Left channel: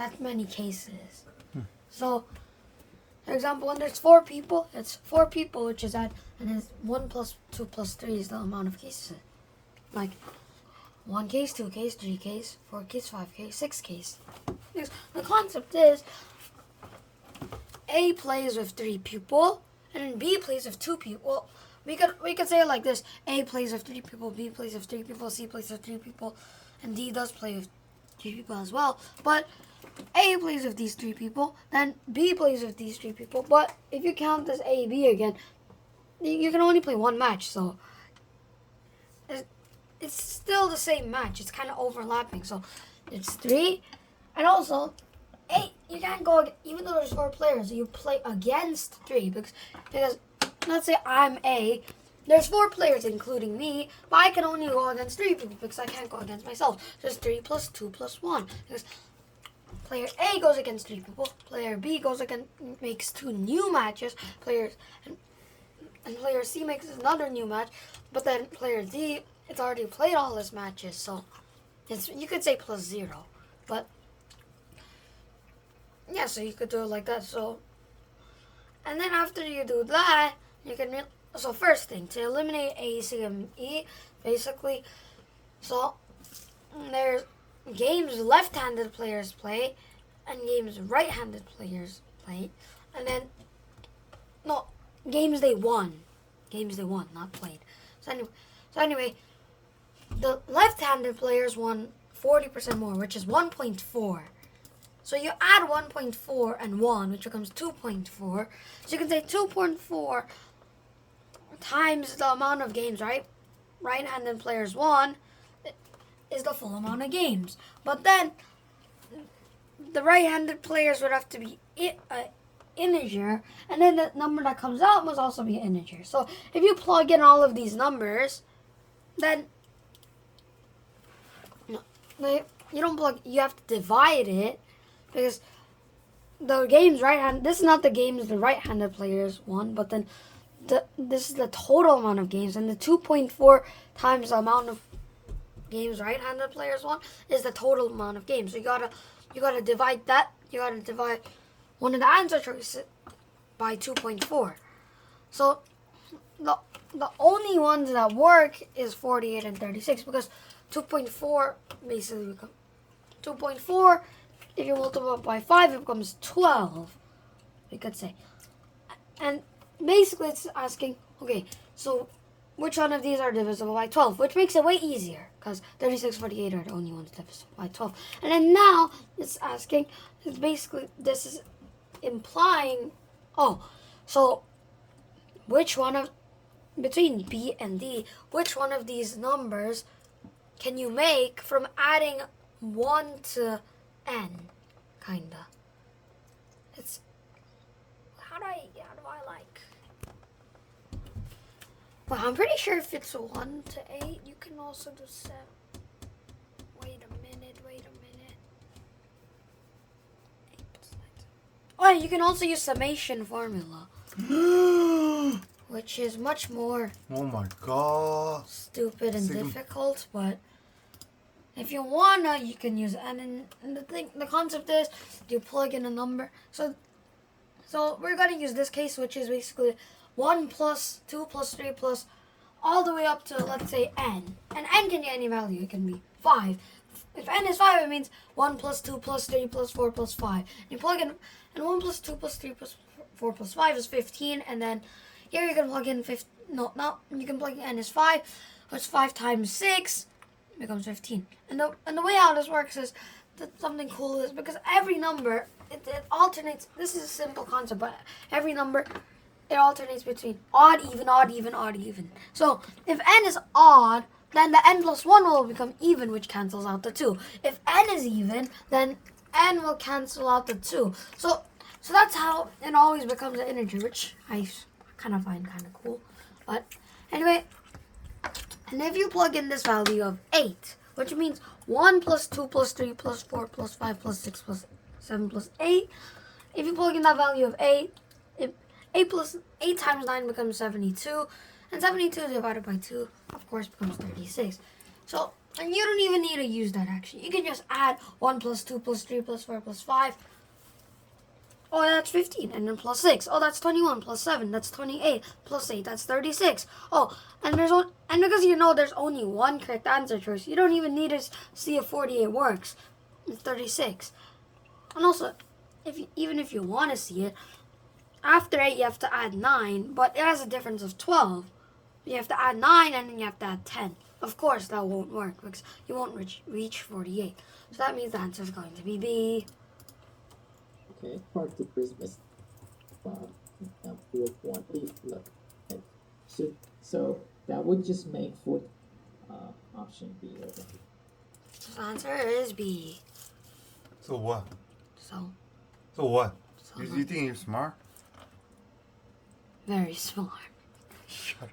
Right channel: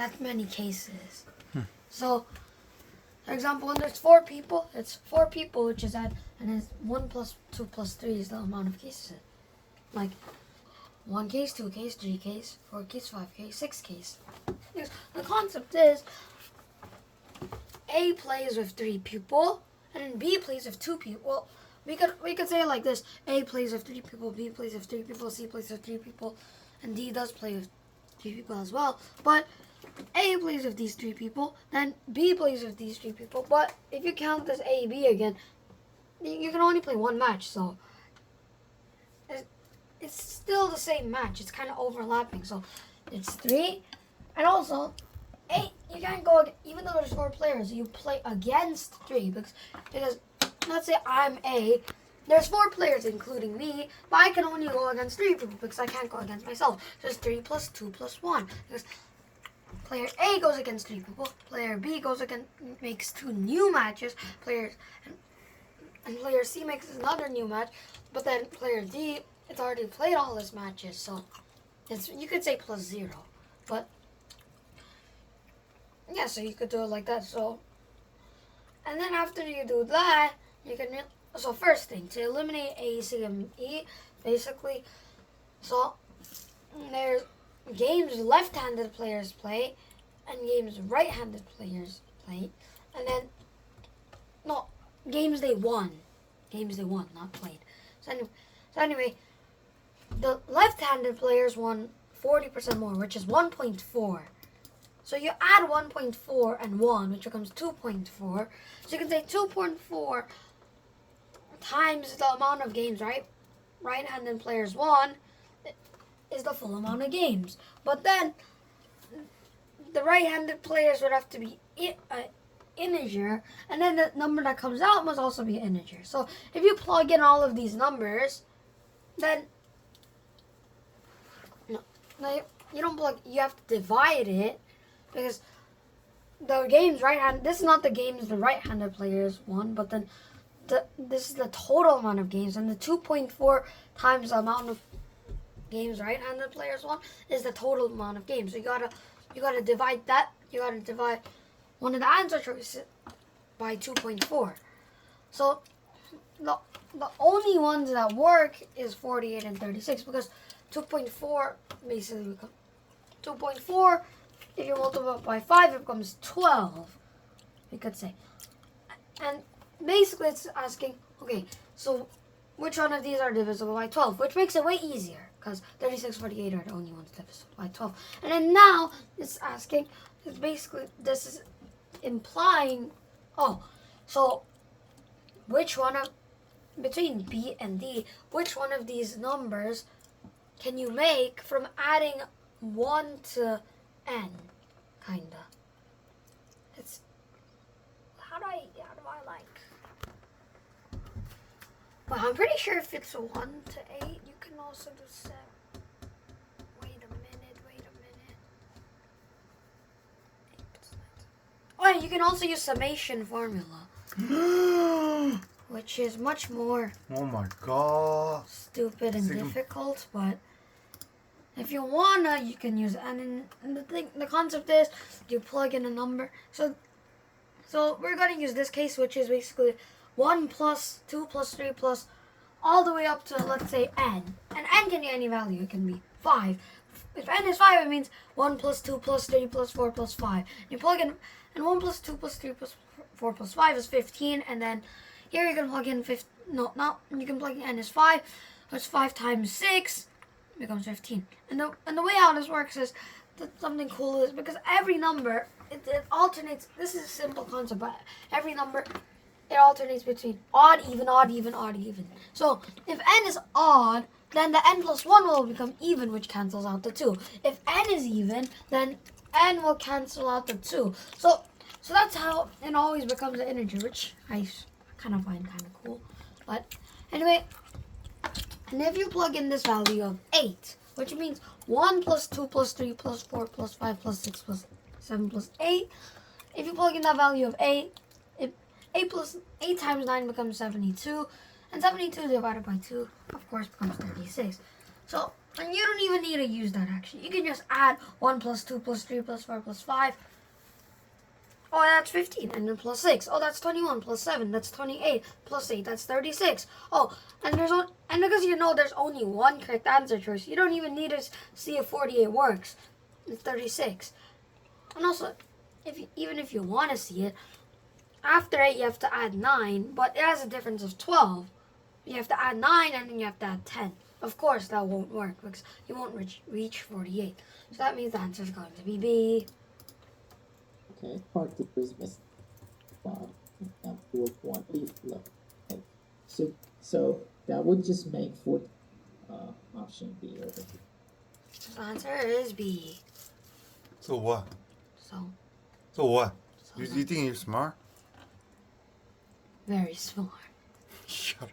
that many cases. So, for example, when there's 4 people, it's 4 people, which is and it's 1 plus 2 plus 3 is the amount of cases. Like 1 case, 2 case, 3 case, 4 case, 5 case, 6 case. The concept is A plays with 3 people, and then B plays with 2 people. We could say it like this: A plays with 3 people, B plays with 3 people, C plays with 3 people, and D does play with 3 people as well. But A plays with these 3 people, then B plays with these 3 people. But if you count this A, B again, you can only play 1 match, so it's still the same match. It's kind of overlapping, so it's 3. And also, you can't go, even though there's 4 players, you play against 3, because let's say I'm A, there's 4 players including me, but I can only go against 3 people because I can't go against myself. So it's 3 plus 2 plus 1. Because player A goes against 3 people, player B makes 2 new matches, and player C makes another new match, but then player D, it's already played all his matches, so you could say plus 0. But yeah, so you could do it like that. So, and then after you do that, you can. So first thing, to eliminate A, C, and E, basically, so there's games left-handed players play, and games right-handed players play, and then games they won, not played. So anyway, the left-handed players won 40% more, which is 1.4. So you add 1.4 and 1, which becomes 2.4. So you can say 2.4 times the amount of games right-handed players won is the full amount of games. But then the right-handed players would have to be integer, and then the number that comes out must also be an integer. So if you plug in all of these numbers, then you don't plug. You have to divide it, because the games this is not the games the right-handed players won, but then this is the total amount of games, and the 2.4 times the amount of games right-handed players won is the total amount of games. So you gotta divide that. You gotta divide one of the answer choices by 2.4. So the only ones that work is 48 and 36, because 2.4 basically becomes 2.4. If you multiply by 5, it becomes 12. You could say, and basically it's asking, okay, so which one of these are divisible by 12, which makes it way easier, because 36, 48 are the only ones divisible by 12. And then now it's asking, this is implying, so which one between B and D, which one of these numbers can you make from adding 1 to n, kinda. It's how do I like? Well, I'm pretty sure if it's 1 to 8, you can also do 7. Wait a minute. 8 plus 9. Oh, you can also use summation formula, which is much more. Oh my god. Stupid and difficult, but if you wanna, you can use it. And the concept is you plug in a number. So we're gonna use this case, which is basically 1 plus 2 plus 3 plus all the way up to, let's say, n. And n can be any value. It can be 5. If n is 5, it means 1 plus 2 plus 3 plus 4 plus 5. You plug in, and 1 plus 2 plus 3 plus 4 plus 5 is 15. And then here you can plug in you can plug in n is 5, which 5 times 6 becomes 15. And the way how this works is that something cool is, because every number it alternates. This is a simple concept, but every number it alternates between odd, even, odd, even, odd, even. So if n is odd, then the n plus 1 will become even, which cancels out the 2. If n is even, then n will cancel out the 2. So that's how it always becomes an integer, which I kind of find kind of cool. But anyway, and if you plug in this value of 8, which means 1 plus 2 plus 3 plus 4 plus 5 plus 6 plus 7 plus 8, if you plug in that value of 8, 8 times 9 becomes 72, and 72 divided by 2, of course, becomes 36. So And you don't even need to use that actually. You can just add 1 plus 2 plus 3 plus 4 plus 5. Oh, that's 15. And then plus 6. Oh, that's 21. Plus 7. That's 28. Plus 8. That's 36. Oh, and because you know there's only one correct answer choice, you don't even need to see if 48 works. It's 36. And also, even if you want to see it, after 8 you have to add 9, but it has a difference of 12. You have to add 9 and then you have to add 10. Of course that won't work because you won't reach 48. So that means the answer is going to be B. Okay, party Christmas. Wow, and 4.8. Look, okay. So that would just make fourth option B over here. The answer is B. So what? So So what? You think you're smart? very smart. Shut up.